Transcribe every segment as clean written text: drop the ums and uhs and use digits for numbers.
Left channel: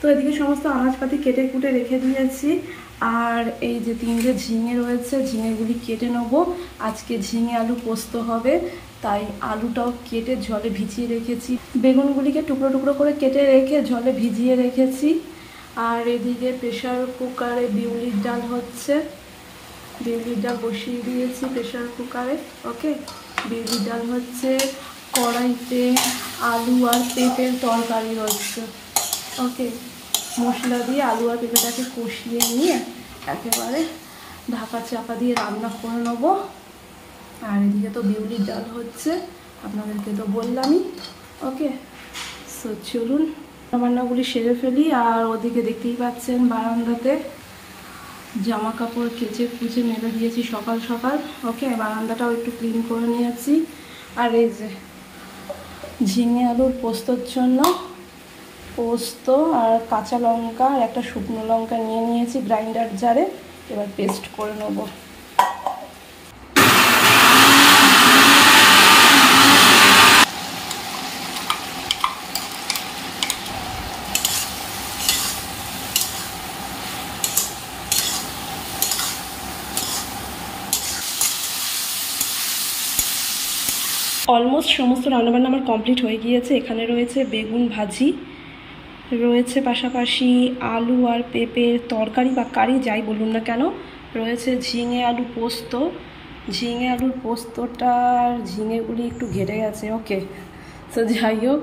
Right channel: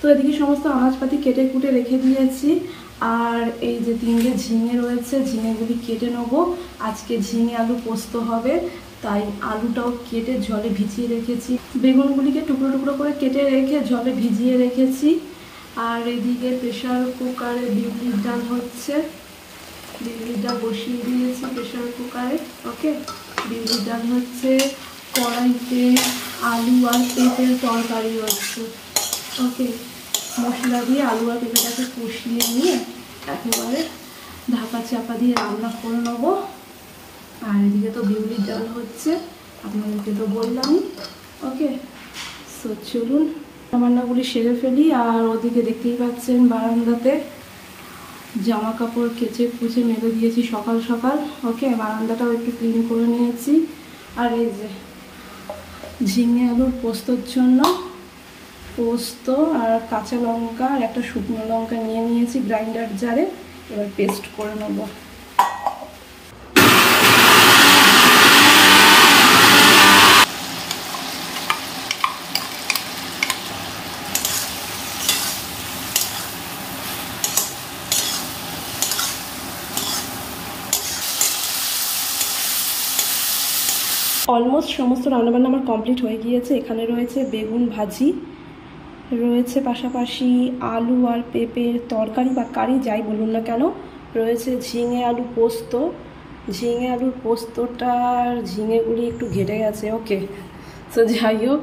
তো এদিকে সমস্ত আনাজপাতি কেটে কুটে রেখে দিয়েছি। আর এই যে 3টে ঝিঙে রয়েছে, ঝিঙেগুলি কেটে নেবো। আজকে ঝিঙে আলু পোস্ত হবে, তাই আলুটাও কেটে জলে ভিজিয়ে রেখেছি। বেগুনগুলিকে টুকরো টুকরো করে কেটে রেখে জলে ভিজিয়ে রেখেছি। আর এদিকে প্রেশার কুকারে বিউলির ডাল হচ্ছে, বিউলির ডাল বসিয়ে দিয়েছি প্রেশার কুকারে। ওকে, বিউলির ডাল হচ্ছে, কড়াইতে আলু আর পেঁপের তরকারি হচ্ছে। ওকে, মশলা দিয়ে আলু আর পেঁপেটাকে কষিয়ে নিয়ে একেবারে ঢাকা চাপা দিয়ে রান্না করে নেবো। আর এদিকে তো বিউলির ডাল হচ্ছে, আপনাদেরকে তো বললামই। ওকে, সো চলুন রান্নাগুলি সেরে ফেলি। আর ওদিকে দেখতেই পাচ্ছেন বারান্দাতে জামা কাপড় কেচে কুচে মেলে দিয়েছি সকাল সকাল। ওকে, বারান্দাটাও একটু ক্লিন করে নিয়েছি। আর এই যে ঝিঙে আলুর পোস্তর জন্য পোস্ত আর কাঁচা লঙ্কা আর একটা শুকনো লঙ্কা নিয়ে নিয়েছি গ্রাইন্ডার জারে, এবার পেস্ট করে নেব। অলমোস্ট সমস্ত রান্নাবান্না আমার কমপ্লিট হয়ে গিয়েছে। এখানে রয়েছে বেগুন ভাজি, রয়েছে পাশাপাশি আলু আর পেঁপের তরকারি বা কারি যাই বলুন না কেন, রয়েছে ঝিঙে আলু পোস্ত। ঝিঙে আলুর পোস্তটার ঝিঙেগুলি একটু ঘেটে গেছে। ওকে, তো যাই হোক।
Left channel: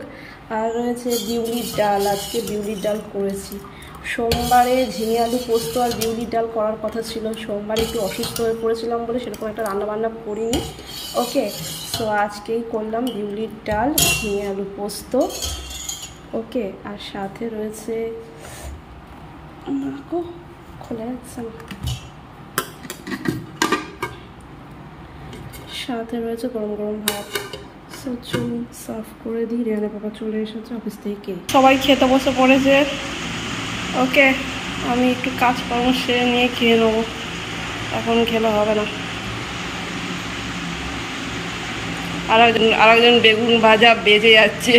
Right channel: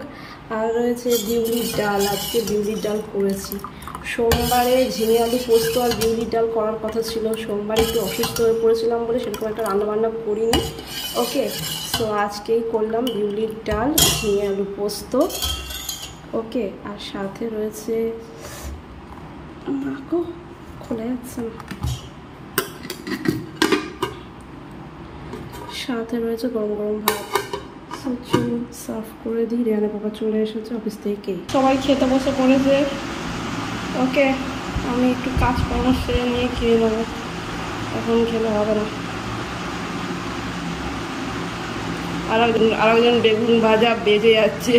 আর রয়েছে বিউলির ডাল, আজকে বিউলির ডাল করেছি। সোমবারে ঝিঙে আলু পোস্ত আর বিউলির ডাল করার কথা ছিল, সোমবারে একটু অসুস্থ হয়ে পড়েছিলাম বলে সেরকম একটা রান্নাবান্না করিনি। ওকে, তো আজকেই করলাম বিউলির ডাল ঝিঙে আলু পোস্ত। ওকে, আর সাথে রয়েছে খোলা যাচ্ছে না, সাথে রয়েছে গরম গরম ভাত। চলুন সার্ভ করে দিই। রেহানের বাবা চলে এসেছে অফিস থেকে, সবাই খেতে বসে পড়েছে। ওকে, আমি একটু কাজকর্ম সেরে নিয়ে খেয়ে নেবো, এখন খেলে হবে না। আর একজন বেগুন ভাজা বেজে যাচ্ছে,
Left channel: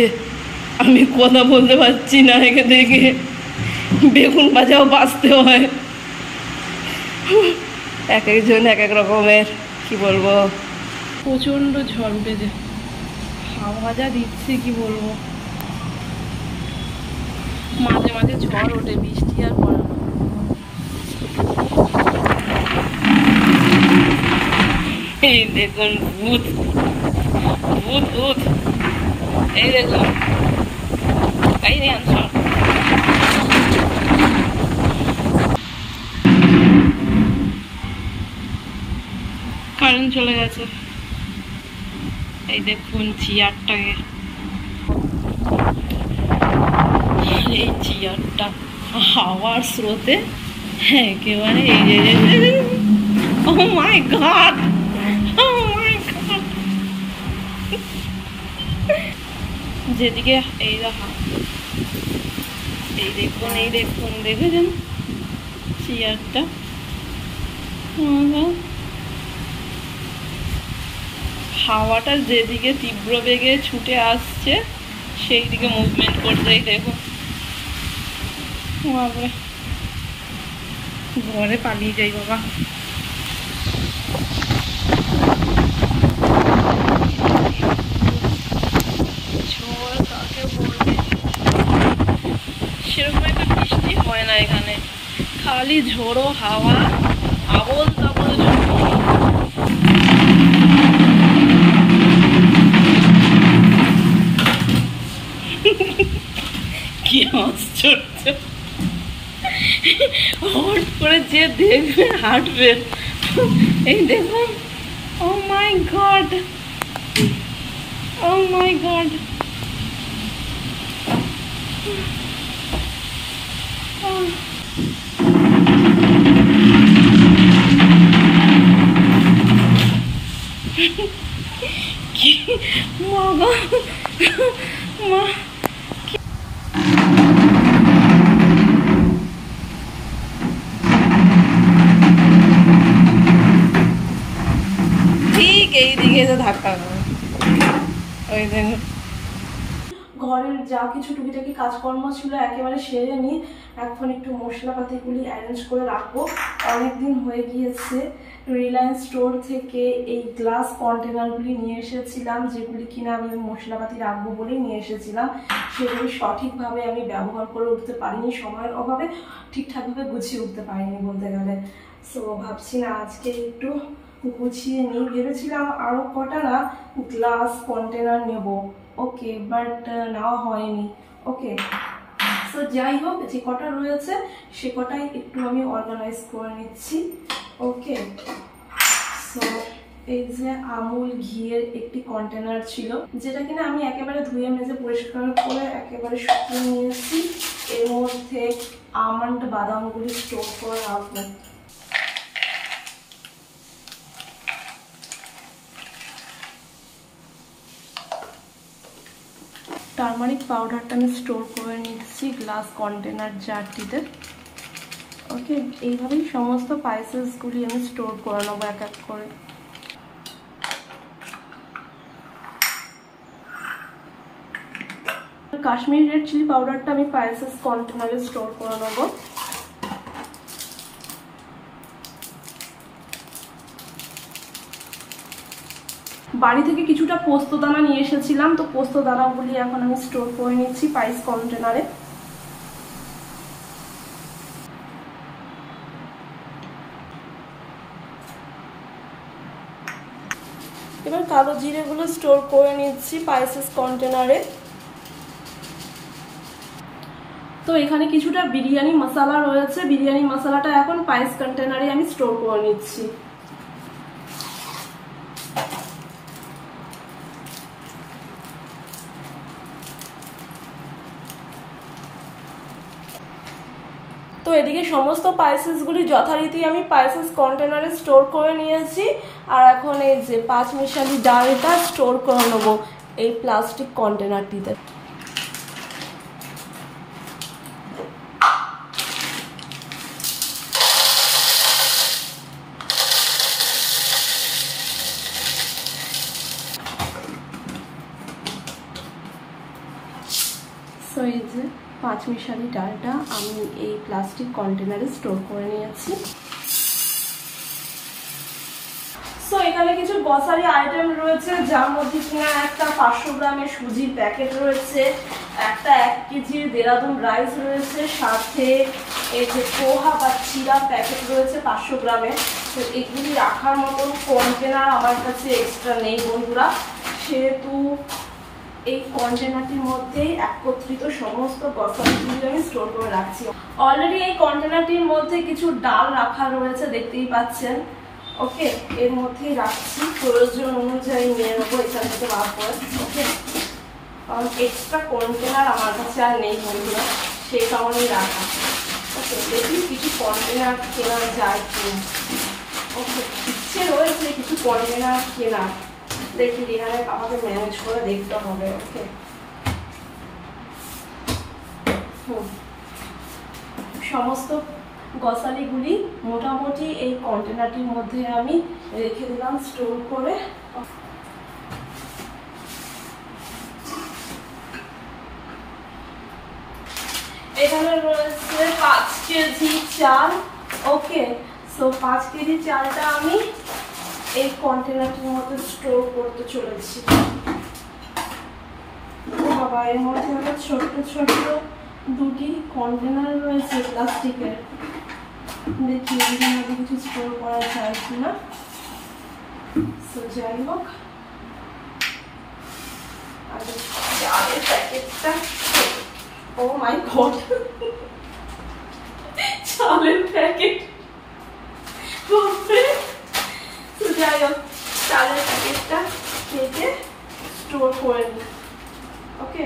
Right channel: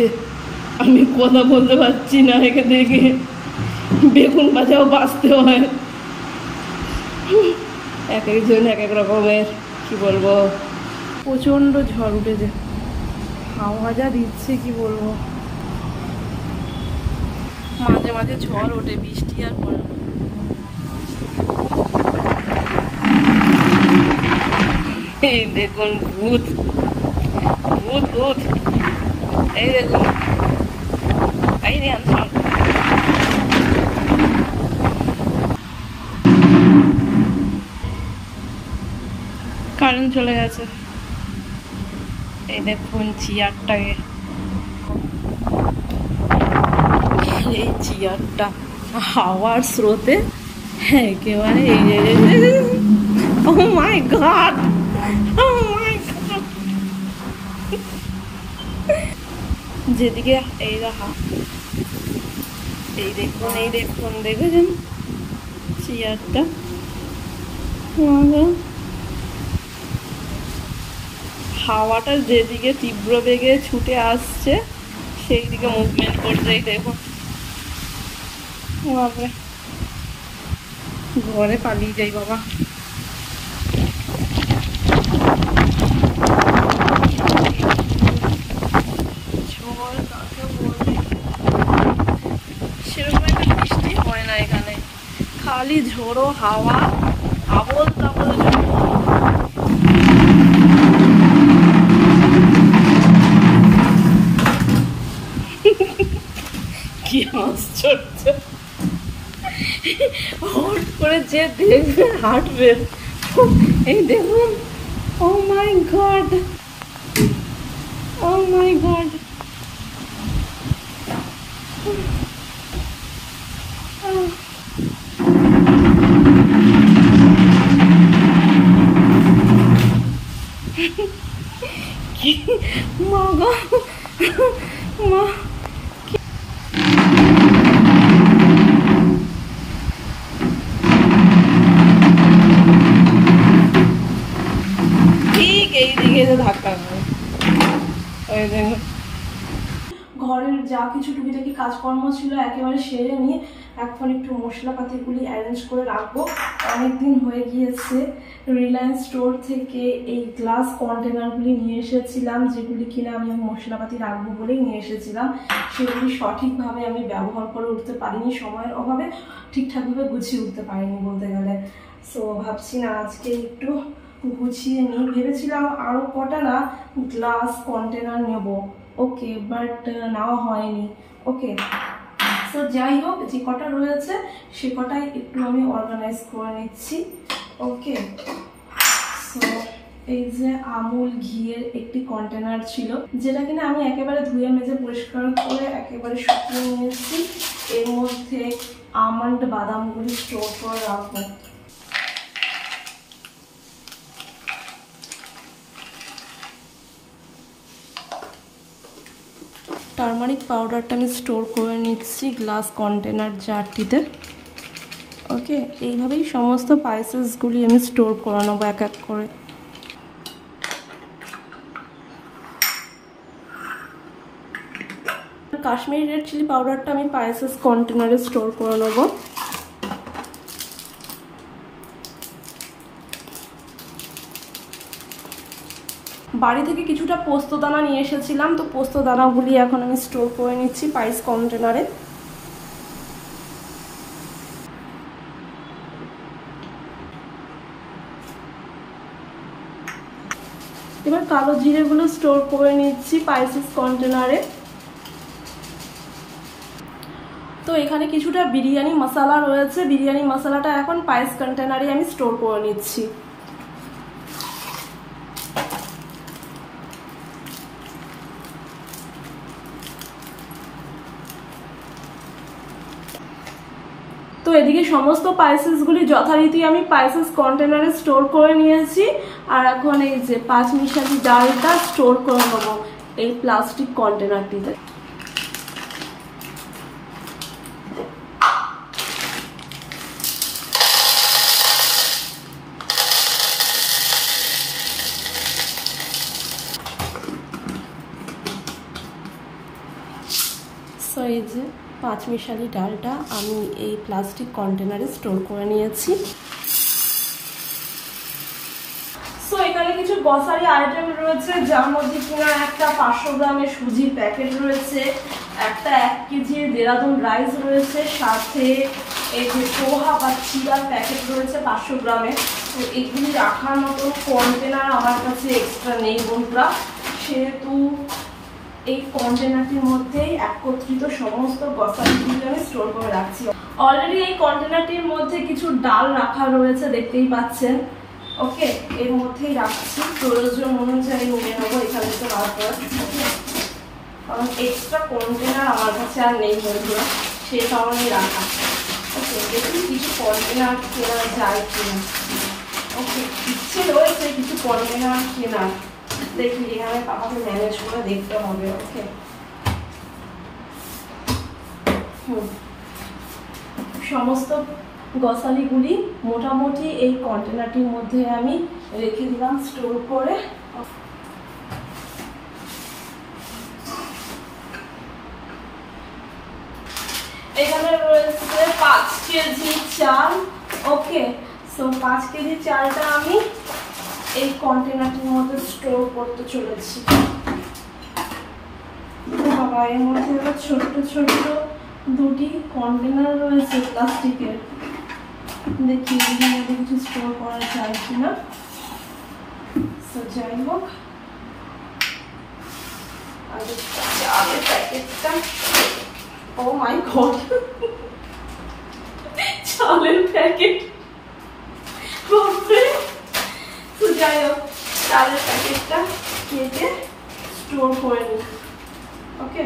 আমি কথা বলতে পারছি না একে দেখে। বেগুন ভাজাও বাঁচতে হয়, এক একজন এক এক রকমের, কি বলবো। প্রচণ্ড ঝড় উঠেছে, হাওয়া যা দিচ্ছে কি বলবো। মাঝে মাঝে ঝড় ওঠে, বৃষ্টি আর পড়ে না। এই দেখুন ভূত ভূত ভূত, এই দেখুন, এই রে আনসার। কারেন্ট চলে গেছে। এই দেখুন চেয়ারটাকে, এই চেয়ারটা হাওয়ার স্রোতে একেবারে এই যে ও মাই গড, ও মাই গড, যেদিকে এই দেখা, এই দেখুন, এই দেখুন, দেখেছেন চেয়ারটা, হাওয়াটা যেদিকে তীব্র বেগে ছুটে আসছে সেই দিকে মুভমেন্ট করছে। এই দেখুন, বাপরে, ঘরে পালিয়ে যাই বাবা। ঝড় কাকে বলবে, সেরকম একটা বৃষ্টি হয় না এখানে, খালি ঝোড়ো হাওয়া, আবল তাবল ঝড়। কি আশ্চর্য, হট করে যে দেখবে হাঁটবে। এই দেখুন, ও মাই গড, ও মাই গড, কি মা গো মা, ঠিক এই দিকে ধাক্কা। ওই দেখুন, ঘর ঘরের যা কিছু টুকিটাকি কাজকর্ম ছিল একেবারে সেরে নিয়ে এখন একটু মশলাপাতিগুলি অ্যারেঞ্জ করে রাখবো। অনেকদিন হয়ে গিয়েছে রিলায়েন্স স্টোর থেকে এই গ্লাস কন্টেনারগুলি নিয়ে এসেছিলাম, যেগুলি কিনা আমি মশলাপাতি রাখবো বলেই নিয়ে এসেছিলাম। সেগুলি সঠিকভাবে আমি ব্যবহার করে উঠতে পারিনি, সময়ের অভাবে ঠিকঠাকভাবে গুছিয়ে উঠতে পারিনি বলতে গেলে। সো ভাবছি না আজকে একটু গুছিয়ে নিই। ভেবেছিলাম আরও কটা না গ্লাস কন্টেনার নেব, ওকে, বাট নেওয়া হয়নি। ওকে, সো যাই হোক, যে কটা রয়েছে সে কটাই একটু আমি অর্গানাইজ করে নিচ্ছি। ওকে, সো এই যে আমুল ঘিয়ের একটি কন্টেনার ছিল, যেটা কিনা আমি একেবারে ধুয়ে মেজে পরিষ্কার করে একেবারে শুকিয়ে নিয়েছি। এর মধ্যে আমন্ড বাদামগুলি স্টোর করে রাখবো। টারমারিক পাউডারটা আমি স্টোর করে নিচ্ছি গ্লাস কন্টেনার জারটিতে। ওকে, এইভাবেই সমস্ত স্পাইসেসগুলি আমি স্টোর করে নেবো এক এক করে। কাশ্মীরি রেড চিলি পাউডারটা আমি স্পাইসেস কন্টেনারে স্টোর করে নেবো। বাড়ি থেকে কিছুটা পোস্ত দানা নিয়ে এসেছিলাম, তো পোস্ত দানাগুলি এখন আমি স্টোর করে নিচ্ছি স্পাইস কন্টেনারে। এবার কালো জিরেগুলো স্টোর করে নিচ্ছি স্পাইসেস কন্টেনারে। তো এখানে কিছুটা বিরিয়ানি মশলা রয়েছে, বিরিয়ানি মশলাটা এখন স্পাইস কন্টেনারে আমি স্টোর করে নিচ্ছি। তো এদিকে সমস্ত স্পাইসেসগুলি যথারীতি আমি স্পাইসেস কন্টেনারে স্টোর করে নিয়েছি। আর এখন এই যে পাঁচমিশালি ডালটা স্টোর করে নেবো এই প্লাস্টিক কন্টেনারটিতে। সো এই যে পাঁচমিশালি ডালটা আমি এই প্লাস্টিক কন্টেনারে স্টোর করে নিয়েছি। সো এখানে কিছু গ্রসারি আইটেম রয়েছে, যার মধ্যে কিনা একটা 500 গ্রামের সুজির প্যাকেট রয়েছে, একটা 1 কেজির দেরাদুন রাইস রয়েছে, সাথে এই যে পোহা বা চিড়ার প্যাকেট রয়েছে 500 গ্রামের। তো এগুলি রাখার মতন কন্টেনার আমার কাছে এক্সট্রা নেই বন্ধুরা, সেহেতু এই কন্টেনারটির মধ্যে একত্রিত সমস্ত গ্রসারিগুলো আমি স্টোর করে রাখছি। অলরেডি এই কন্টেনারটির মধ্যে কিছু ডাল রাখা রয়েছে, দেখতেই পাচ্ছেন। ওকে, এর মধ্যেই রাখছি, প্রয়োজন অনুযায়ী নিয়ে নেবো এখান থেকে বার করে। ওকে, কারণ এক্সট্রা কন্টেনার আমার কাছে আর নেই বন্ধুরা, সে কারণেই রাখা। ওকে, দেখি কিছু কন্টেনার কেনা যায় কিনা। ওকে, ইচ্ছে রয়েছে কিছু কন্টেনার কেনার, দেখি এখানে পাপাকে ম্যানেজ করে দেখতে হবে। ওকে, সমস্ত গ্রসারিগুলি মোটামুটি এই কন্টেনারটির মধ্যে আমি রেখে দিলাম স্টোর করে। এখানে রয়েছে 5 কেজি চাল। ওকে, সো 5 কেজি চালটা আমি এই কন্টেনারটির মধ্যে স্টোর করতে চলেছি। বাবা, এর মধ্যে ছোট্ট ছোট্ট দুটি কন্টেনার রয়েছে প্লাস্টিকের, দেখি এর মধ্যে কিছু স্টোর করা যায় কিনা। সো যাই হোক, চালের প্যাকেটটা, ও মাই গড, চালের প্যাকেট। তো যাই হোক, চালের প্যাকেটটা কেটে স্টোর করে নিই। ওকে,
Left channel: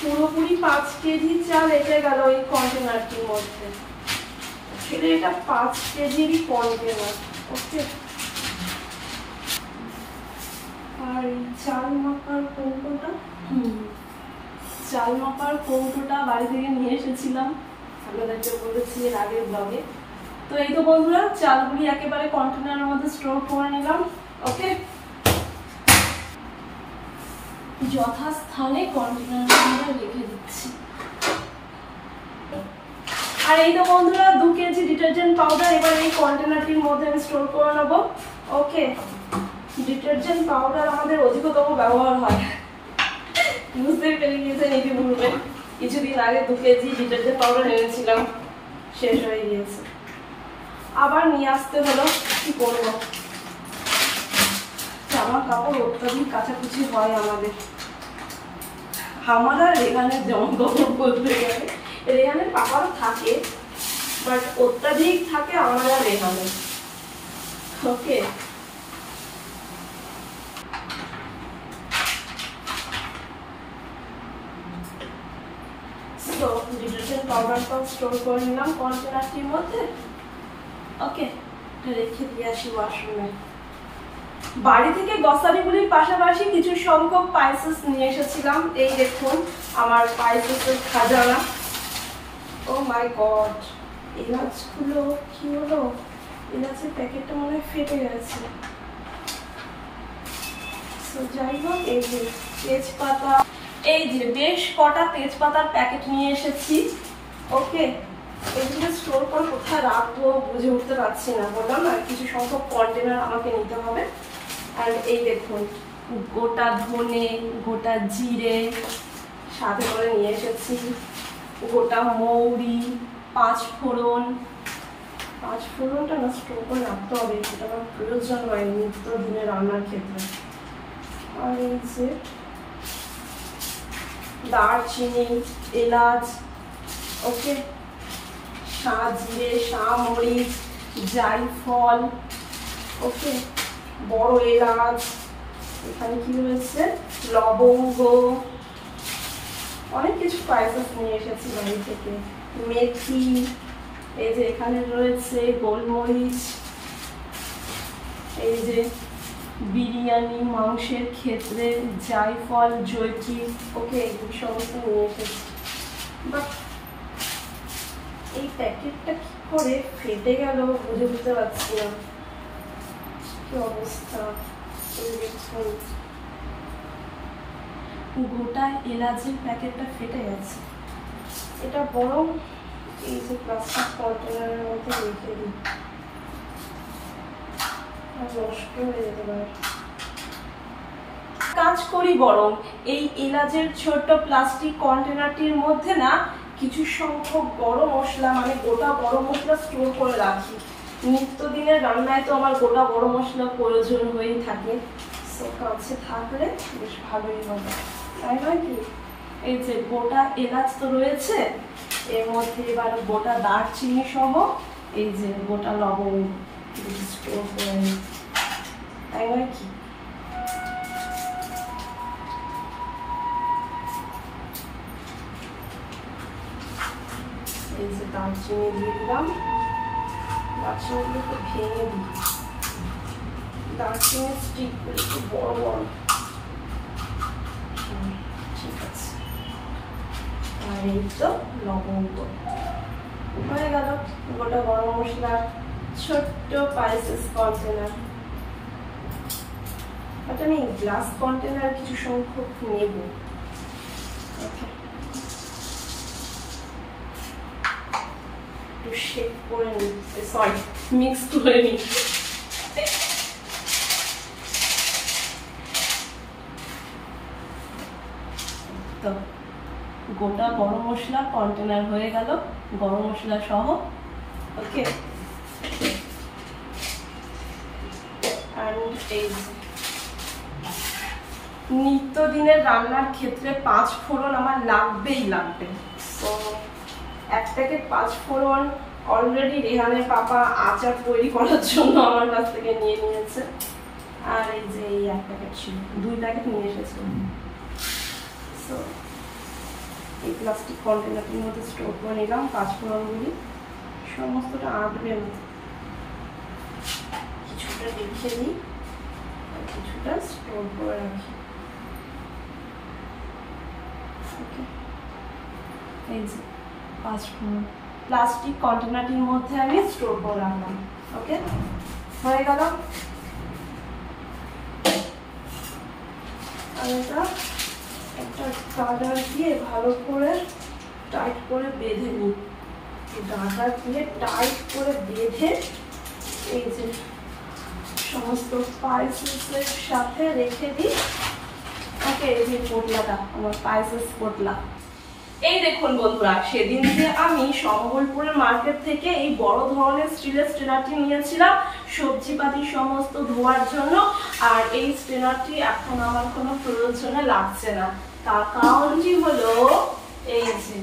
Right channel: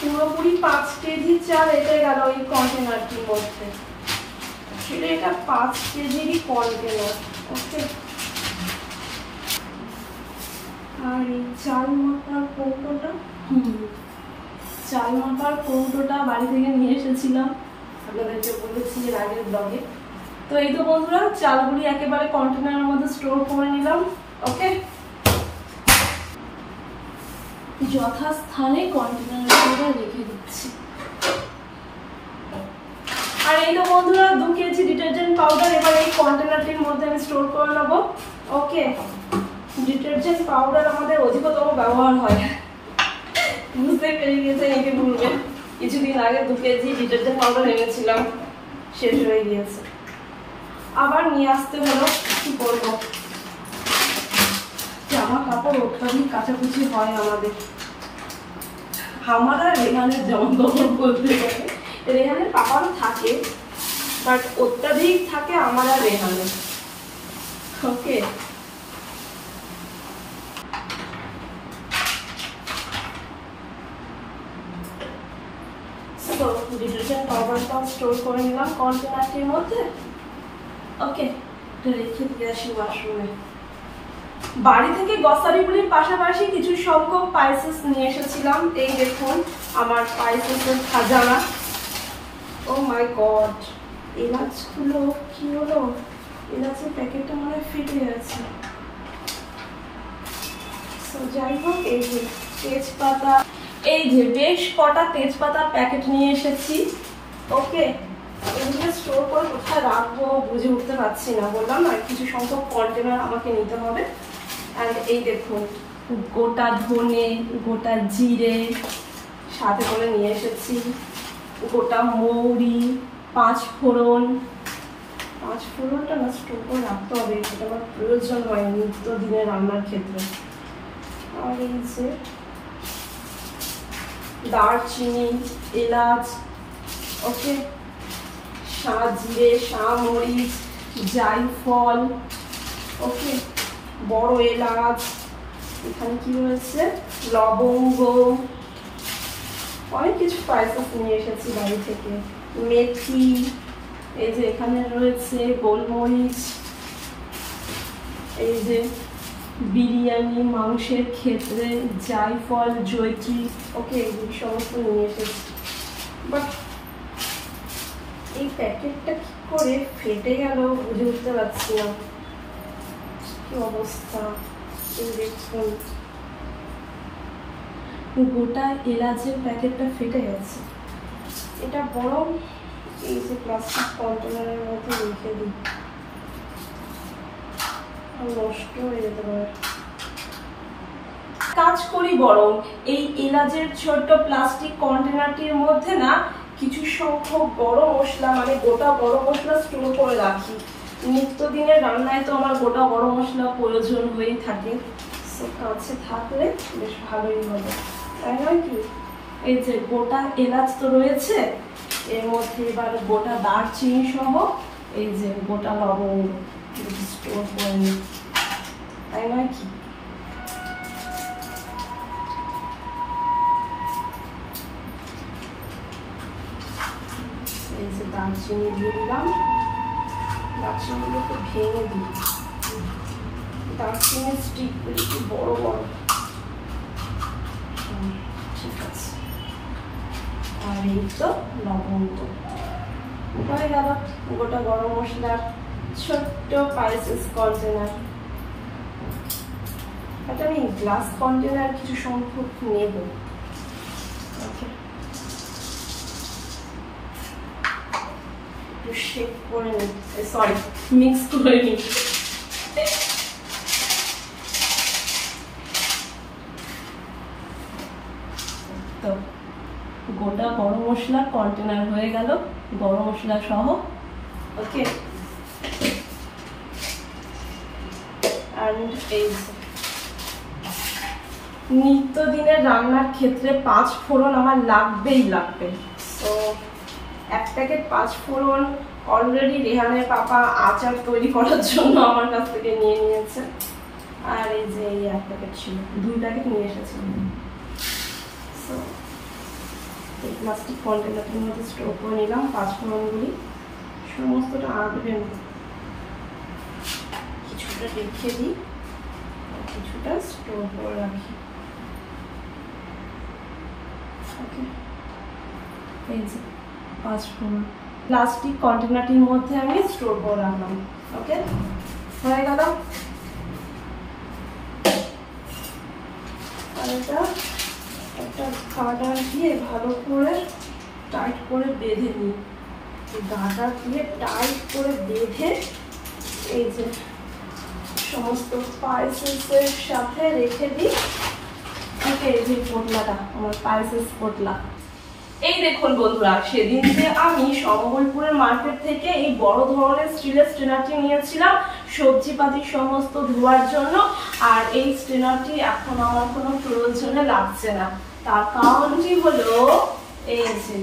পুরোপুরি 5 কেজি চাল এটা গেল এই কন্টেনারটির মধ্যে। এটা 5 কেজিরই কন্টেনার। ওকে, আর এই চাল মাপার কৌটোটা, চাল মাপার কৌটোটা বাড়ি থেকে নিয়ে এসেছিলাম, আপনাদেরকে বলেছি এর আগের ব্লগে। তো এই তো বন্ধুরা, চালগুলি একেবারে কন্টেনারের মধ্যে স্টোর করে নিলাম। ওকে, যথাস্থানে কন্টেনারের মধ্যে রেখে দিচ্ছি। আর এই তো বন্ধুরা 2 কেজি ডিটারজেন্ট পাউডার এবার এই কন্টেনারটির মধ্যে আমি স্টোর করে নেবো। ওকে, ডিটারজেন্ট পাউডার আমাদের অধিকতম ব্যবহার হয়, বুঝতে পেরে গিয়েছেন একে বলবেন। কিছুদিন আগে 2 কেজি ডিটারজেন্ট পাউডার এনেছিলাম, শেষ হয়ে গিয়েছে, আবার নিয়ে আসতে হলো। কি করবো, জামা কাপড় অত্যাধিক কাচাকুচি হয় আমাদের। আমার আর রেহানের জামা কাপড় বলতে গেলে, রেহানের পাপারও থাকে, বাট অত্যাধিক থাকে আমার আর রেহানের। ওকে, তো ডিটারজেন্ট পাউডারটাও স্টোর করে নিলাম কন্টেনারটির মধ্যে। ওকে, রেখে দিয়ে আসি ওয়াশরুমে। বাড়ি থেকে গ্রসারিগুলির পাশাপাশি কিছু সংখ্যক স্পাইসেস নিয়ে এসেছিলাম। এই দেখুন আমার স্পাইসেসের খাজানা। ও মাই গড, এলাচগুলো কি হলো? এলাচের প্যাকেটটা মনে হয় ফেটে গেছে। যাই হোক, এই যে তেজপাতা, এই যে বেশ কটা তেজপাতার প্যাকেট নিয়ে এসেছি। ওকে, এগুলো স্টোর করে কোথায় রাখবো বুঝে উঠতে পারছি না। বললাম না, কিছু সংখ্যক কন্টেনার আমাকে নিতে হবে। আর এই দেখুন গোটা ধনে, গোটা জিরে সাথে করে নিয়ে এসেছি, গোটা মৌরি, 5 ফোড়ন। 5 ফোড়নটা না স্টোর করে রাখতে হবে, এটা আমার প্রয়োজন হয় নিত্য দিনে রান্নার ক্ষেত্রে। আর এই যে দারচিনি, এলাচ, ওকে, জিরে, মরিচ, জায়ফল, ওকে, বড় এলাচ, এখানে কি রয়েছে লবঙ্গ, অনেক কিছু স্পাইসেস নিয়ে এসেছি বাড়ি থেকে। মেথি, এই যে এখানে রয়েছে গোলমরিচ, এই যে বিরিয়ানি মাংসের ক্ষেত্রে জায়ফল, জয়ত্রী, ওকে, এই সমস্ত নিয়ে এসেছি। বাট এই প্যাকেটটা কি করে ফেটে গেল বুঝে উঠতে পারছি না, কি অবস্থা। দেখুন গোটা এলাচের প্যাকেটটা ফেটে গেছে। এটা বরং এই যে প্লাস্টিক কন্টেনারের মধ্যে রেখে দিই, নষ্ট হয়ে যেতে পারে। কাজ করি বরং এই এলাচের ছোট্ট প্লাস্টিক কন্টেনারটির মধ্যে না কিছু সংখ্যক গরম মশলা, মানে গোটা গরম মশলা স্টোর করে রাখি। নিত্যদিনের রান্নায় তো আমার গোটা গরম মশলা প্রয়োজন হয়েই থাকে, কাছে থাকলে বেশ ভালোই হবে, তাই নয় কি? এই যে গোটা এলাচ তো রয়েছে, এর মধ্যে এবার গোটা দারচিনি সহ এই যে গোটা লবঙ্গ স্টোর করে নিই, তাই নয় কি? এই যে দারচিনি দিয়ে দিলাম, দারচিনিগুলোকে ভেঙে দিই, দারচিনির স্টিকগুলো একটু বড় বড়, ঠিক আছে। আর এই তো লবঙ্গ হয়ে গেল গোটা গরম মশলার ছোট্ট স্পাইসেস কন্টেনার। এটা আমি গ্লাস কন্টেনার কিছু সংখ্যক নেব। শেক করে নিতে, সরি মিক্স করে নিতে। তো গোটা গরম মশলা কন্টেনার হয়ে গেল, গরম মশলা সহ। ওকে, আর এই নিত্যদিনের রান্নার ক্ষেত্রে 5 ফোড়ন আমার লাগবেই লাগবে। তো 1 প্যাকেট 5 ফোড়ন অলরেডি রেহানের পাপা আচার তৈরি করার জন্য আমার কাছ থেকে নিয়ে নিয়েছে। আর এই যে এই 1 প্যাকেট ছিল, 2 প্যাকেট নিয়ে এসেছিলাম। এই প্লাস্টিক কন্টেনারটির মধ্যে স্টোর করে নিলাম 5 ফোড়নগুলি, সমস্তটা আঁটবে না, কিছুটা রেখে দিই। কিছুটা স্টোর করে রাখি। এই যে 5 ফোড়ন প্লাস্টিক কন্টেনারটির মধ্যে আমি স্টোর করে রাখলাম। ওকে, হয়ে গেল। এটা একটা কাটার দিয়ে ভালো করে টাইট করে বেঁধে নিই। গাটা দিয়ে টাইট করে বেঁধে এই যে সমস্ত স্পাইসেসের সাথে রেখে দিই। ওকে, এই যে পোটলাটা আমার স্পাইসেস পোটলা। এই দেখুন বন্ধুরা, সেদিন যে আমি সম্বলপুরের মার্কেট থেকে এই বড় ধরনের স্টিলের স্ট্রেনারটি নিয়েছিলাম সবজিপাতি সমস্ত ধোয়ার জন্য, আর এই স্ট্রেনারটি এখন আমার কোনো প্রয়োজনে লাগছে না। তার কারণটি হলো এই যে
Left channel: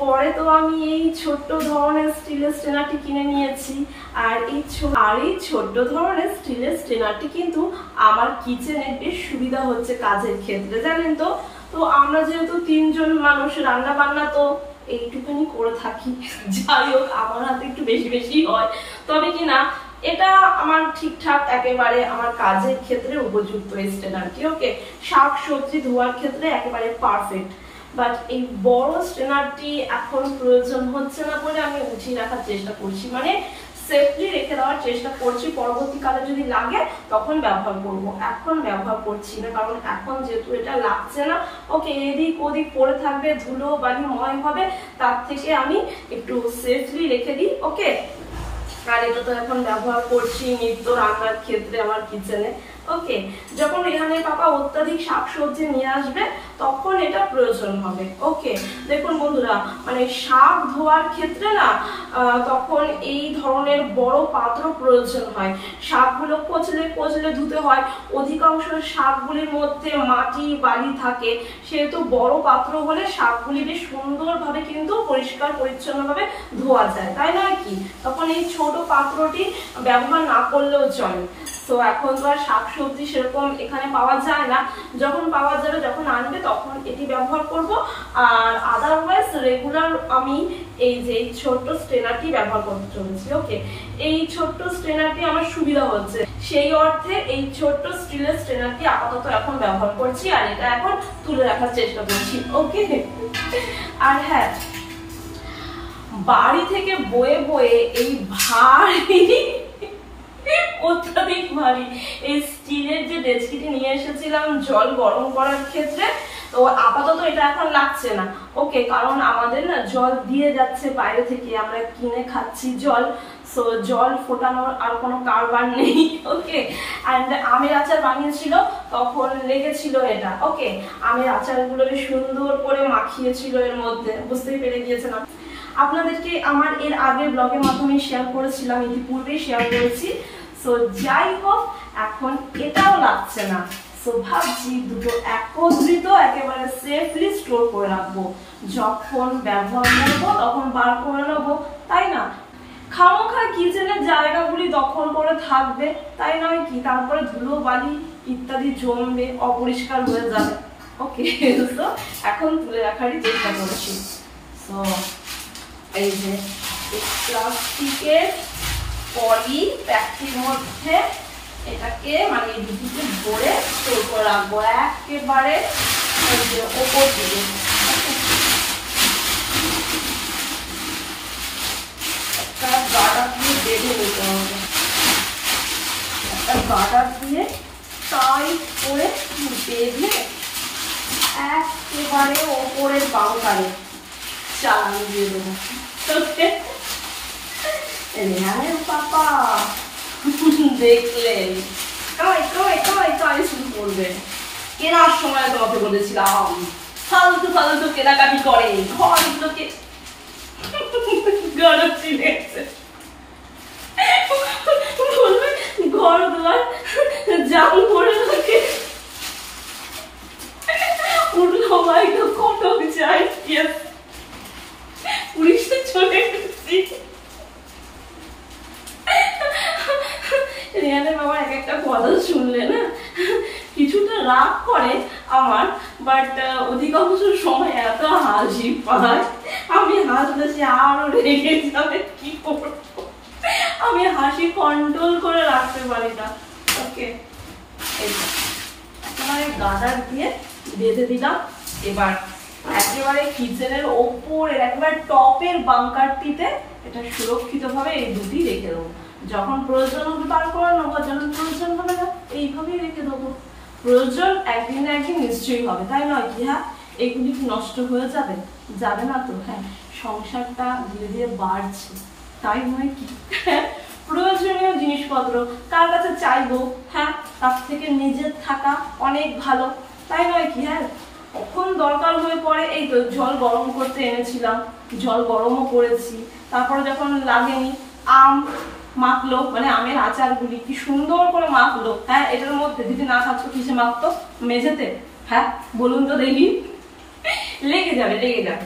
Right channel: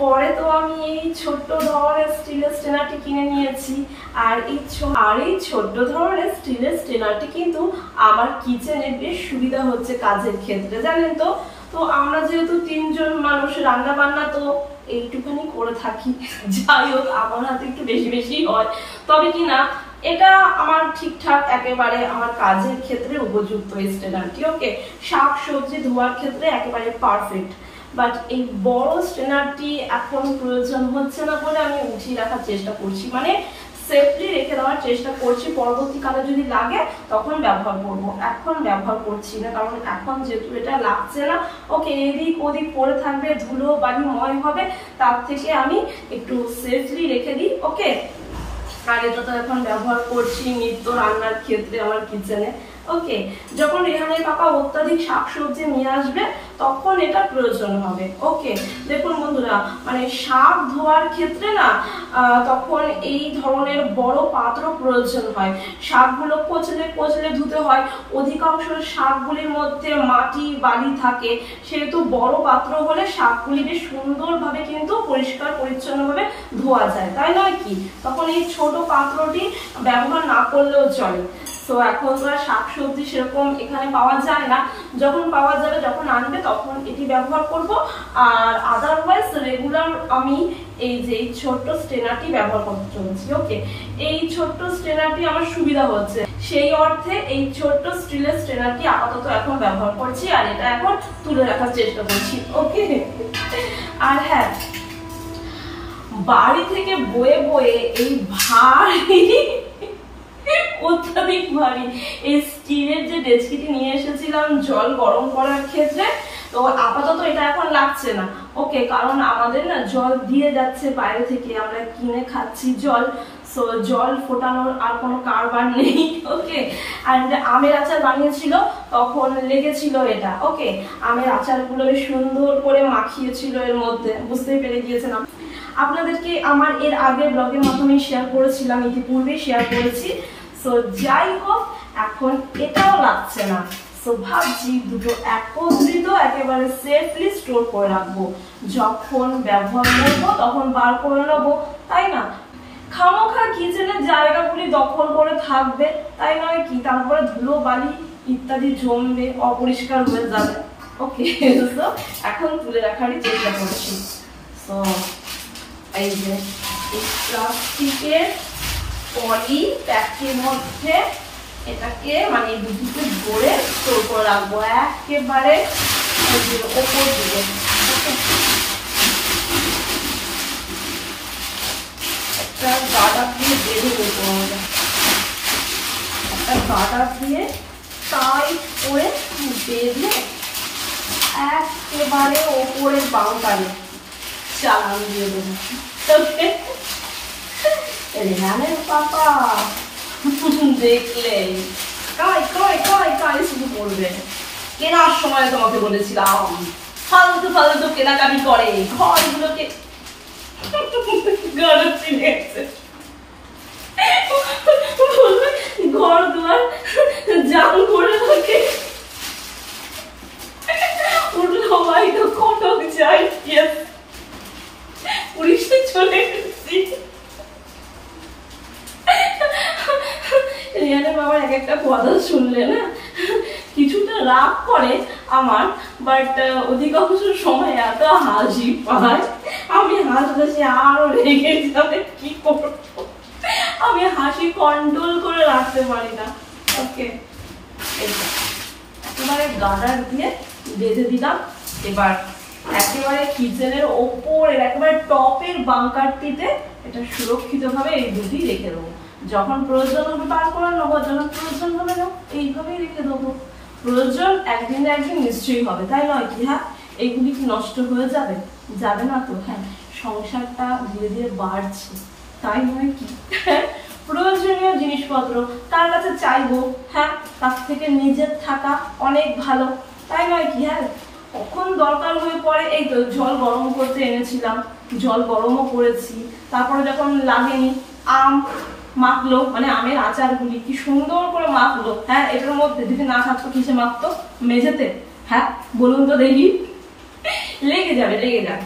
পরে তো আমি এই ছোট্ট ধরনের স্টিলের স্ট্রেনারটি কিনে নিয়েছি, আর এই ছোট্ট ধরনের স্টিলের স্ট্রেনারটি কিন্তু আমার কিচেনে বেশ সুবিধা হচ্ছে কাজের ক্ষেত্রে, জানেন তো। তো আমরা যেহেতু 3 জন মানুষ, রান্না বান্না তো এইটুখানি করে থাকি, যাই হোক আমার হাতে একটু বেশি বেশি হয়, তবে কি না এটা আমার ঠিকঠাক একেবারে আমার কাজের ক্ষেত্রে উপযুক্ত এই স্ট্রেনারটি। ওকে, শাক সবজি ধোয়ার ক্ষেত্রে একেবারে পারফেক্ট। বাট এই বড় স্ট্রেনারটি এখন প্রয়োজন হচ্ছে না বলে আমি উঠিয়ে রাখার চেষ্টা করছি, মানে সেফলি রেখে দেওয়ার চেষ্টা করছি। পরবর্তীকালে যদি লাগে তখন ব্যবহার করব, এখন ব্যবহার করছি না, কারণ এখন যেহেতু এটা লাগছে না। ওকে, এদিক ওদিক পড়ে থাকবে, ধুলো বালি ময় হবে, তার থেকে আমি একটু সেফলি রেখে দিই। ওকে, আর এটা তো এখন ব্যবহার করছি নিত্য রান্নার ক্ষেত্রে আমার কিচেনে। ওকে, যখন রেহানের পাপা অত্যাধিক শাকসবজি নিয়ে আসবে তখন এটা প্রয়োজন হবে। ওকে, দেখুন বন্ধুরা, মানে শাক ধোয়ার ক্ষেত্রে না তখন এই ধরনের বড় পাত্র প্রয়োজন হয়। শাকগুলো কচলে কচলে ধুতে হয়, অধিকাংশ শাকগুলির মধ্যে মাটি বালি থাকে, সেহেতু বড় পাত্র হলে শাকগুলি বেশ সুন্দরভাবে কিন্তু পরিষ্কার পরিচ্ছন্নভাবে ধোয়া যায়, তাই নয় কি? তখন এই ছোট পাত্রটি ব্যবহার না করলেও চলে। তো এখন তো আর শাকসবজি সেরকম এখানে পাওয়া যায় না, যখন পাওয়া যাবে, যখন আনবে তখন এটি ব্যবহার করব। আর আদারওয়াইজ রেগুলার আমি এই যে ছোট্ট স্ট্রেনারটি ব্যবহার করতে চলেছি। ওকে, এই ছোট্ট স্ট্রেনারটি আমার সুবিধা হচ্ছে, সেই অর্থে এই ছোট্ট স্টিলের স্ট্রেনারটি আপাতত এখন ব্যবহার করছি, আর এটা এখন তুলে রাখার চেষ্টা করছি। ওকে, আর হ্যাঁ, বাড়ি থেকে বয়ে বয়ে এই ভারী অত্যাধিক ভারী এই স্টিলের যে ডেচকিটি নিয়ে এসেছিলাম জল গরম করার ক্ষেত্রে, তো আপাতত এটা এখন লাগছে না। ওকে, কারণ আমাদের না জল দিয়ে যাচ্ছে বাইরে থেকে, আমরা কিনে খাচ্ছি জল, সো জল ফোটানোর আর কোনো কারবার নেই। ওকে, আর আমের আচার বানিয়েছিল তখন লেগেছিল এটা। ওকে, আমের আচারগুলো বেশ সুন্দর করে মাখিয়েছিল এর মধ্যে, বুঝতেই পেরে গিয়েছিলাম। আপনাদেরকে আমার এর আগের ব্লগের মাধ্যমে শেয়ার করেছিলাম, ইতিপূর্বেই শেয়ার করেছি। সো যাই হোক, এখন এটাও লাগছে না। সো ভাবছি দুটো একত্রিত একেবারে সেফলি স্টোর করে রাখবো, যখন ব্যবহার করবো তখন বার করে নেবো, তাই না? খামোখা কিচেনের জায়গাগুলি দখল করে থাকবে, তাই নয় কি? তারপরে ধুলো বালি ইত্যাদি জমবে, অপরিষ্কার হয়ে যাবে। ওকে, তো এখন তুলে রাখারই চেষ্টা করছি। তো এই যে প্লাস্টিকের পলি প্যাকের মধ্যে এটাকে মানে দুদিকে ভরে স্টোর করে রাখবো একেবারে ওপর দিকে। একটা গার্ডার দিয়ে বেঁধে নিতে হবে, একটা গার্ডার দিয়ে টাইট করে বেঁধে একেবারে ওপরের বাউন্ডারি চালান দিয়ে দেবো। রেহানের পাপা দেখলে কাই কাই কাই কাই শুরু করবে। কেনার সময় তোমাকে বলেছিলাম ফালতু ফালতু কেনাকাটি করে, ঘরগুলোকে ঘর দুয়ার জাম করে থাকে, উঠলো ভাই তো কটক যাই, পুলিশে চলে গেছি। রিয়ানের বাবার এক একটা কথা শুনলে না কিছুটা রাগ করে আমার, বাট অধিকাংশ সময় এত হাসি পায়, আমি হাসলে সে আরো রেগে যাবে, কি করবো, আমি হাসি কন্ট্রোল করে রাখতে পারি না। ওকে, একেবারে গার্ডার দিয়ে বেঁধে দিলাম। এবার একেবারে কিচেনের ওপরের একেবারে টপের বাঙ্কারটিতে এটা সুরক্ষিতভাবে এই দুটি রেখে দেবো। যখন প্রয়োজন হবে বার করে নেবো, যখন প্রয়োজন হবে না এইভাবেই রেখে দেবো। প্রয়োজন একদিন না একদিন নিশ্চয়ই হবে, তাই নয় কি? হ্যাঁ, এগুলি কি নষ্ট হয়ে যাবে? যাবে না তো। হ্যাঁ, সংসারটা ধীরে ধীরে বাড়ছে, তাই নয় কি? প্রয়োজনীয় জিনিসপত্র কার কাছে চাইবো? হ্যাঁ, তার থেকে নিজের থাকা অনেক ভালো, তাই নয় কি? হ্যাঁ, কখন দরকার হয়ে পড়ে, এই তো জল গরম করতে এনেছিলাম, জল গরমও করেছি, তারপরে যখন লাগেনি আম মাখলো, মানে আমের আচারগুলি কি সুন্দর করে মাখলো। হ্যাঁ, এটার মধ্যে যদি না থাকতো কিসে মাখতো? মেঝেতে। হ্যাঁ, বলুন তো দেখি। লেগে যাবে, লেগে যাবে,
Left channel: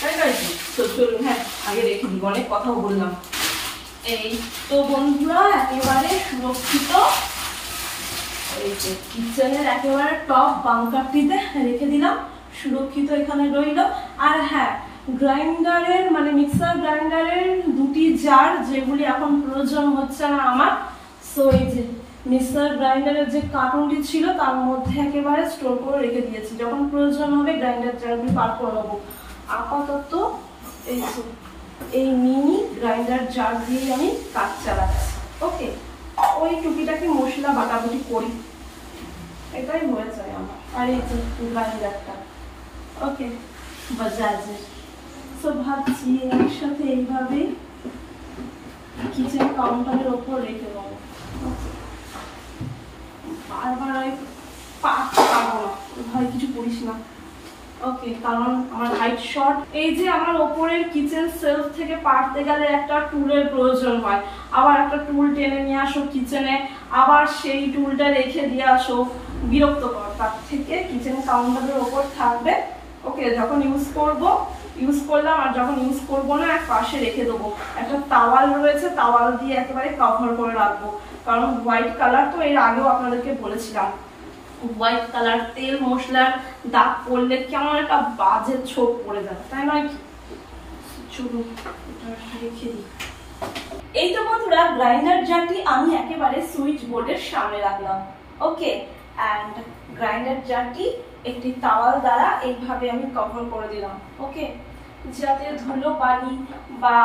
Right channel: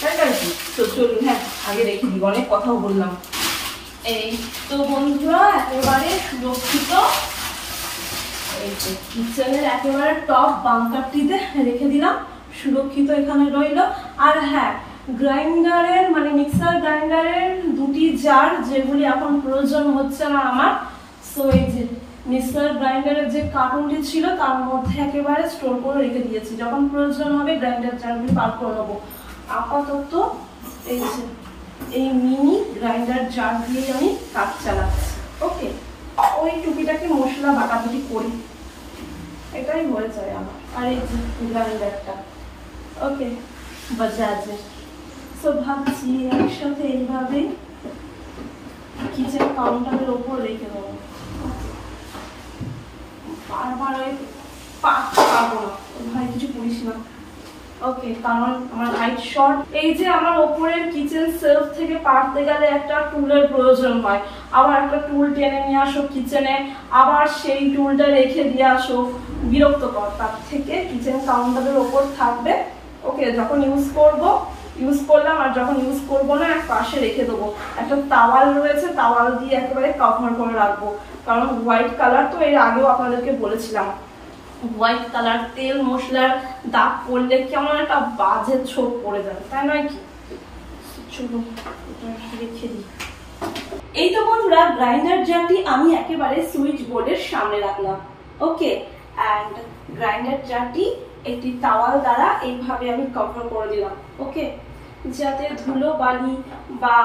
তাই নয় কি? তো চলুন, হ্যাঁ আগে রেখে দিই, অনেক কথাও বললাম। এই তো বন্ধুরা একেবারে সুরক্ষিত এই যে কিচেনের একেবারে টপ বাঙ্কারটিতে রেখে দিলাম, সুরক্ষিত এখানে রইল। আর হ্যাঁ, গ্রাইন্ডারের মানে মিক্সার গ্রাইন্ডারের দুটি জার যেগুলি এখন প্রয়োজন হচ্ছে না আমার, সো এই যে মিক্সার গ্রাইন্ডারের যে কার্টুনটি ছিল তার মধ্যে একেবারে স্টোর করে রেখে দিয়েছি, যখন প্রয়োজন হবে গ্রাইন্ডার জারগুলি বার করে নেবো। আপাতত এই যে এই মিনি গ্রাইন্ডার জার দিয়ে আমি কাজ চালাচ্ছি। ওকে, ওই টুকিটাকি মশলা বাটাবাটি করি, এটাই হয়ে যায় আমার। আর এই যে গ্রাইন্ডারটা ওকে বাজাজে, সো ভাবছি একসাথে এইভাবে কিচেন কাউন্টারের ওপর রেখে দেবো। বারবার ওই পারতে পারবো না, ভাই কিছু করিস না। ওকে, কারণ আমার হাইট শর্ট। এই যে আমার ওপরের কিচেন সেলফ থেকে পারতে গেলে একটা টুলের প্রয়োজন হয়, আবার একটা টুল টেনে নিয়ে আসো কিচেনে, আবার সেই টুলটা রেখে দিয়ে আসো, বিরক্তকর। তার থেকে কিচেন কাউন্টারের ওপর থাকবে। ওকে, যখন ইউজ করলাম, আর যখন ইউজ করবো না এক পাশে রেখে দেবো। একটা তাওয়াল রয়েছে, তাওয়াল দিয়ে একেবারে কভার করে রাখবো, কারণ হোয়াইট কালার তো এর আগেও আপনাদেরকে বলেছিলাম, হোয়াইট কালার তেল মশলার দাগ পড়লে কেমন একটা বাজে ছোপ পড়ে যাবে, তাই নয় কি? চলুন এটা রেখে দিই। এই তো বন্ধুরা গ্রাইন্ডার জারটি আমি একেবারে সুইচ বোর্ডের সামনে রাখলাম। ওকে, অ্যান্ড গ্রাইন্ডার জারটি একটি তাওয়াল দ্বারা এইভাবে আমি কভার করে দিলাম। ওকে, যাতে ধুলো বালি বা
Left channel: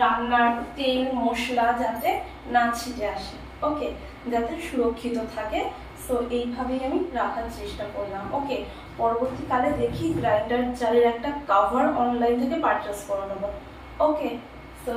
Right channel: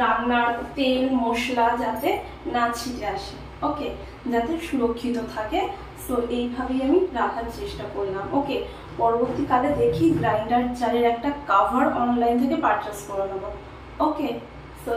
রান্নার তেল মশলা যাতে না ছিটে আসে, ওকে, যাতে সুরক্ষিত থাকে। সো এইভাবেই আমি রাখার চেষ্টা করলাম। ওকে, পরবর্তীকালে দেখি গ্রাইন্ডার জারের একটা কভার অনলাইন থেকে পারচেস করে নেবো। ওকে, সো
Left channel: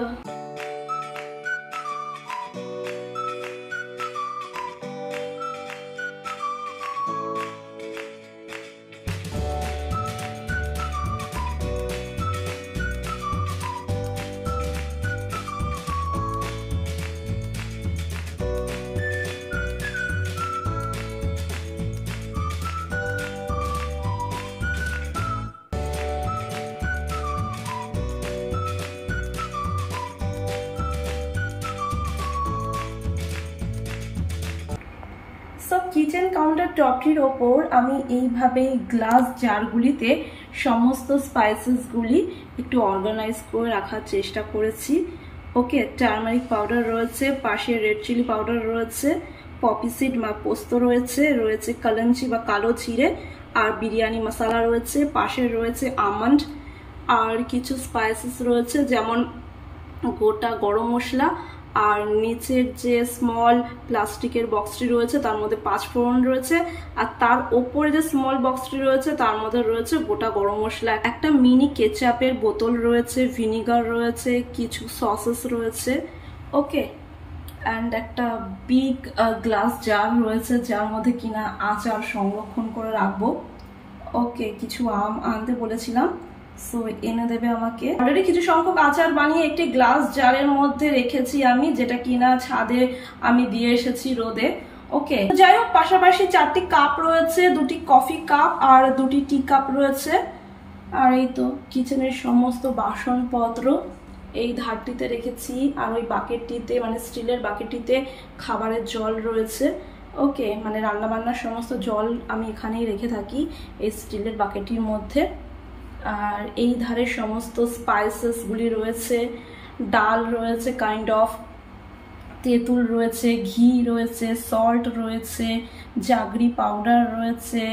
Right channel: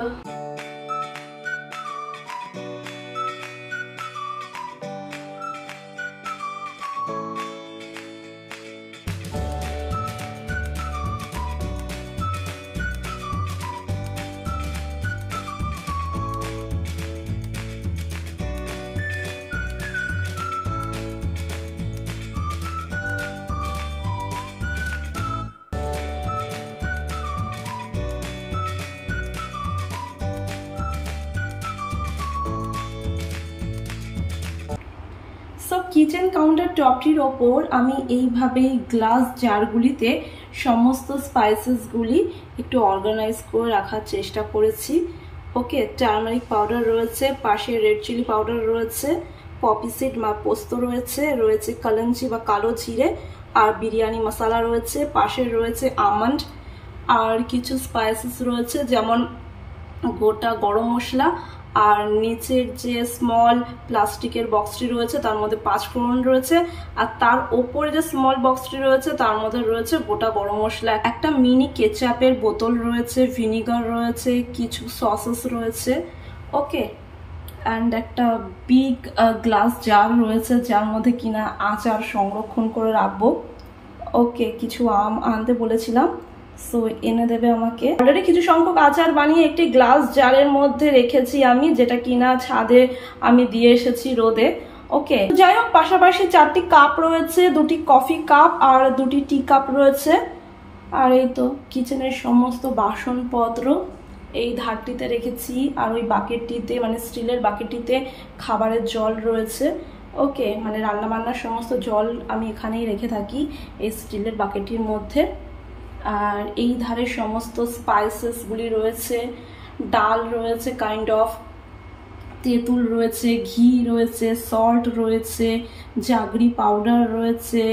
কিচেন কাউন্টার টপটির ওপর আমি এইভাবে গ্লাস জারগুলিতে সমস্ত স্পাইসেসগুলি একটু অর্গানাইজ করে রাখার চেষ্টা করেছি। ওকে, টার্মারিক পাউডার রয়েছে, পাশে রেড চিলি পাউডার রয়েছে, পপি সিড বা পোস্ত রয়েছে কালাঞ্চি বা কালো জিরে, আর বিরিয়ানি মশলা রয়েছে, পাশে রয়েছে আমন্ড, আর কিছু স্পাইসেস রয়েছে যেমন গোটা গরম মশলা, আর নিচের যে স্মল প্লাস্টিকের বক্সটি রয়েছে তার মধ্যে 5 ফোড়ন রয়েছে, আর তার ওপরে যে স্মল বক্সটি রয়েছে তার মধ্যে রয়েছে গোটা গরম মশলা, একটা মিনি কেচাপের বোতল রয়েছে, ভিনিগার রয়েছে, কিছু সসেস রয়েছে। ওকে, অ্যান্ড একটা বিগ গ্লাস জার রয়েছে যার মধ্যে কিনা আচার সংরক্ষণ করে রাখবো। ওকে, কিছু আম আনতে বলেছিলাম, সো এনে দেবে আমাকে। অলরেডি কিছু সংখ্যক আচার বানিয়ে একটি গ্লাস জারের মধ্যে রেখেছি আমি, যেটা কিনা ছাদে আমি দিয়ে এসেছি রোদে। ওকে, যাই হোক, পাশাপাশি 4টি কাপ রয়েছে, 2টি কফি কাপ আর 2টি টি কাপ রয়েছে। আর এই তো কিচেনের সমস্ত বাসনপত্র এই ধারটিতে রেখেছি, আর ওই বাকেটটিতে মানে স্টিলের বাকেটটিতে খাবারের জল রয়েছে। ওকে, মানে রান্নাবান্নার সমস্ত জল আমি এখানেই রেখে থাকি এই স্টিলের বাকেটটির মধ্যে। আর এই ধারে সমস্ত স্পাইসেসগুলি রয়েছে, ডাল রয়েছে কাইন্ড অফ, তেঁতুল রয়েছে, ঘি রয়েছে, সল্ট রয়েছে, জাগরি পাউডার রয়েছে,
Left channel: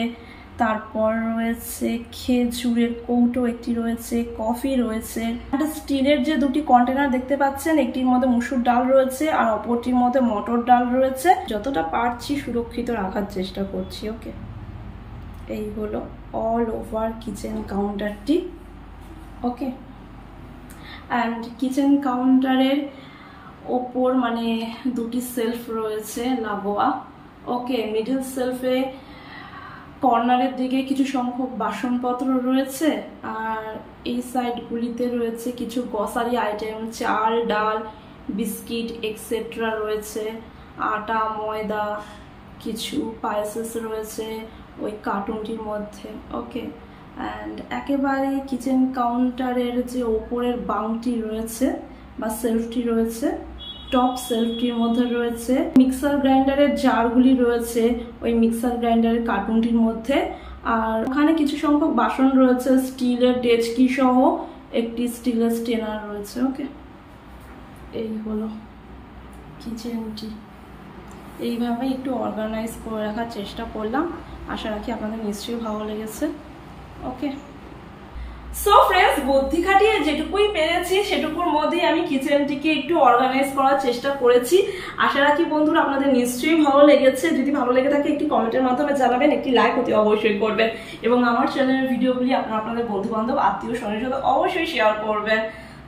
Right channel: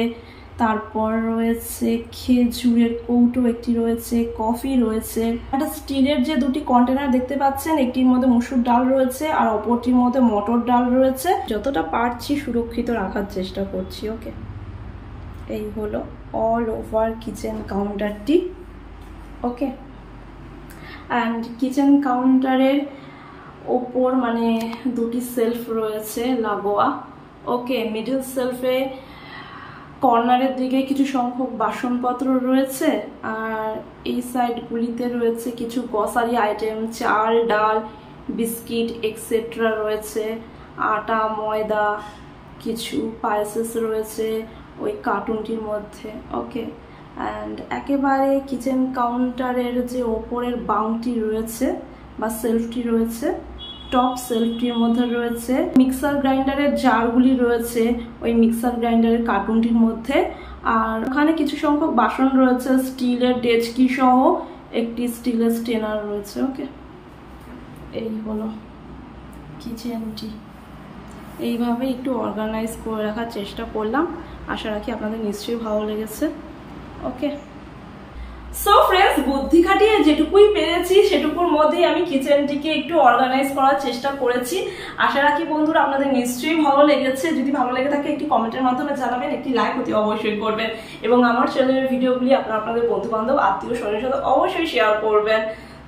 তারপর রয়েছে খেজুরের কৌটো একটি রয়েছে, কফি রয়েছে। একটা স্টিলের যে দুটি কন্টেনার দেখতে পাচ্ছেন, একটির মধ্যে মসুর ডাল রয়েছে আর অপরটির মধ্যে মটর ডাল রয়েছে। যতটা পারছি সুরক্ষিত রাখার চেষ্টা করছি। ওকে, এই হলো অল ওভার কিচেন কাউন্টারটি। ওকে, অ্যান্ড কিচেন কাউন্টারের ওপর মানে দুটি সেলফ রয়েছে লাগোয়া। ওকে, মিডল সেলফে কর্নারের দিকে কিছু সংখ্যক বাসনপত্র রয়েছে, আর এই সাইডগুলিতে রয়েছে কিছু গ্রসারি আইটেম, চাল, ডাল, বিস্কিট এক্সেট্রা রয়েছে, আটা, ময়দা, কিছু পাইসেস রয়েছে ওই কার্টুনটির মধ্যে। ওকে, অ্যান্ড একেবারে কিচেন কাউন্টারের যে ওপরের বাংটি রয়েছে বা সেলফটি রয়েছে, টপ সেলফটির মধ্যে রয়েছে মিক্সার গ্রাইন্ডারের জারগুলি রয়েছে ওই মিক্সার গ্রাইন্ডারের কার্টুনটির মধ্যে। আর ওখানে কিছু সংখ্যক বাসন রয়েছে, স্টিলের ডেচকি সহ একটি স্টিলের স্টেনার রয়েছে। ওকে, এই হলো কিচেনটি। এইভাবে একটু অর্গানাইজ করে রাখার চেষ্টা করলাম, আশা রাখি আপনাদের নিশ্চয়ই ভালো লেগেছে। ওকে, সো ফ্রেন্ডস, বুদ্ধি খাটিয়ে যেটুকুই পেরেছি সেটুকুর মধ্যেই আমি কিচেনটিকে একটু অর্গানাইজ করার চেষ্টা করেছি। আশা রাখি বন্ধুরা আপনাদের নিশ্চয়ই ভালো লেগেছে। যদি ভালো লেগে থাকে একটি কমেন্টের মাধ্যমে জানাবেন, একটি লাইক অতি অবশ্যই করবেন, এবং আমার চ্যানেলের ভিডিওগুলি আপনাদের বন্ধু বান্ধব আত্মীয় স্বজনের সাথে অবশ্যই শেয়ার করবেন।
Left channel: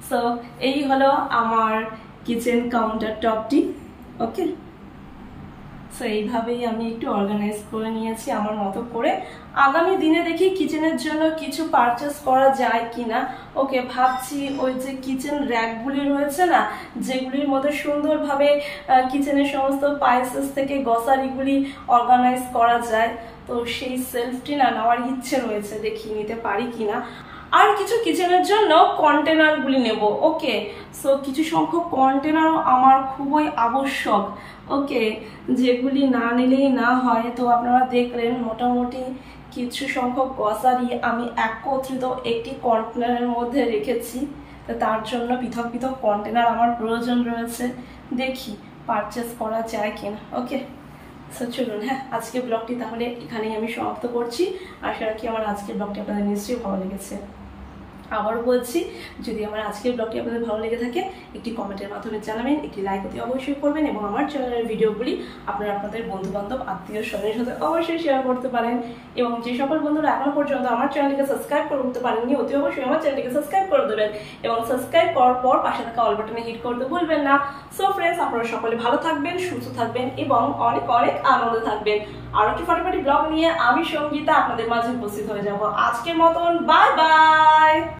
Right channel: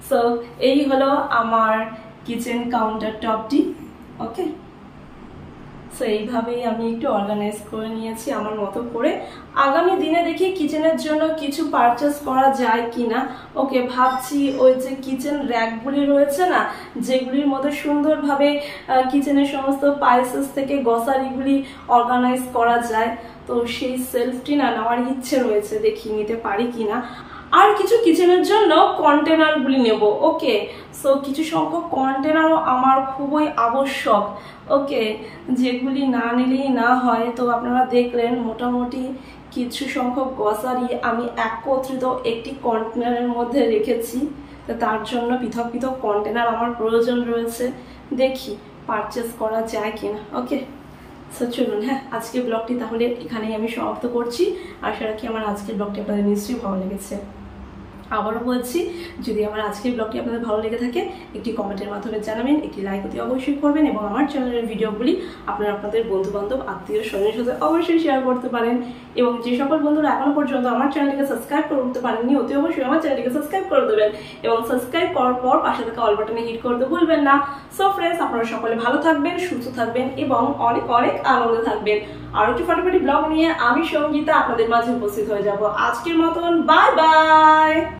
সো এই হলো আমার কিচেন কাউন্টার টপটি। ওকে, সো এইভাবেই আমি একটু অর্গানাইজ করে নিয়েছি আমার মতো করে। আগামী দিনে দেখি কিচেনের জন্য কিছু পারচেস করা যায় কিনা। ওকে, ভাবছি ওই যে কিচেন র্যাকগুলি রয়েছে না, যেগুলির মধ্যে সুন্দরভাবে কিচেনের সমস্ত পাইসেস থেকে গ্রসারিগুলি অর্গানাইজ করা যায়, তো সেই সেলফটি না নেওয়ার ইচ্ছে রয়েছে, দেখি নিতে পারি কিনা। আর কিছু কিচেনের জন্য কন্টেনারগুলি নেব। ওকে, সো কিছু সংখ্যক কন্টেনারও আমার খুবই আবশ্যক। ওকে, যেগুলি না নিলেই না হয়। তো আপনারা দেখলেন মোটামুটি কিছু সংখ্যক গ্রসারি আমি একত্রিত একটি কন্টেনারের মধ্যে রেখেছি। তো তার জন্য পৃথক পৃথক কন্টেনার আমার প্রয়োজন রয়েছে, দেখি পারচেস করা যায় কিনা। ওকে, সো চলুন, হ্যাঁ, আজকের ব্লগটি তাহলে এখানেই আমি সমাপ্ত করছি। আশা রাখি আমার আজকের ব্লগটি আপনাদের নিশ্চয়ই ভালো লেগেছে। আবারও বলছি, যদি আমার আজকের ব্লগটি আপনাদের ভালো লেগে থাকে একটি কমেন্টের মাধ্যমে জানাবেন, একটি লাইক অতি অবশ্যই করবেন, এবং আমার চ্যানেলের ভিডিওগুলি আপনাদের বন্ধু বান্ধব আত্মীয় স্বজনের সাথে অবশ্যই শেয়ার করতে পারেন। এবং যে সকল বন্ধুরা এখনো পর্যন্ত আমার চ্যানেলটিকে সাবস্ক্রাইব করে উঠতে পারেননি, অতি অবশ্যই আমার চ্যানেলটিকে সাবস্ক্রাইব করে দেবেন, এবং সাবস্ক্রাইব করার পর পাশে থাকা অল বাটনে হিট করতে ভুলবেন না। সো ফ্রেন্ডস, আপনারা সকলে ভালো থাকবেন, সুস্থ থাকবেন, এবং অনেক অনেক আনন্দে থাকবেন। আরও একটি ফাটাফাটি ব্লগ নিয়ে আমি সঙ্গীতা আপনাদের মাঝে উপস্থিত হয়ে যাব। আজকের মতন বাই বাই।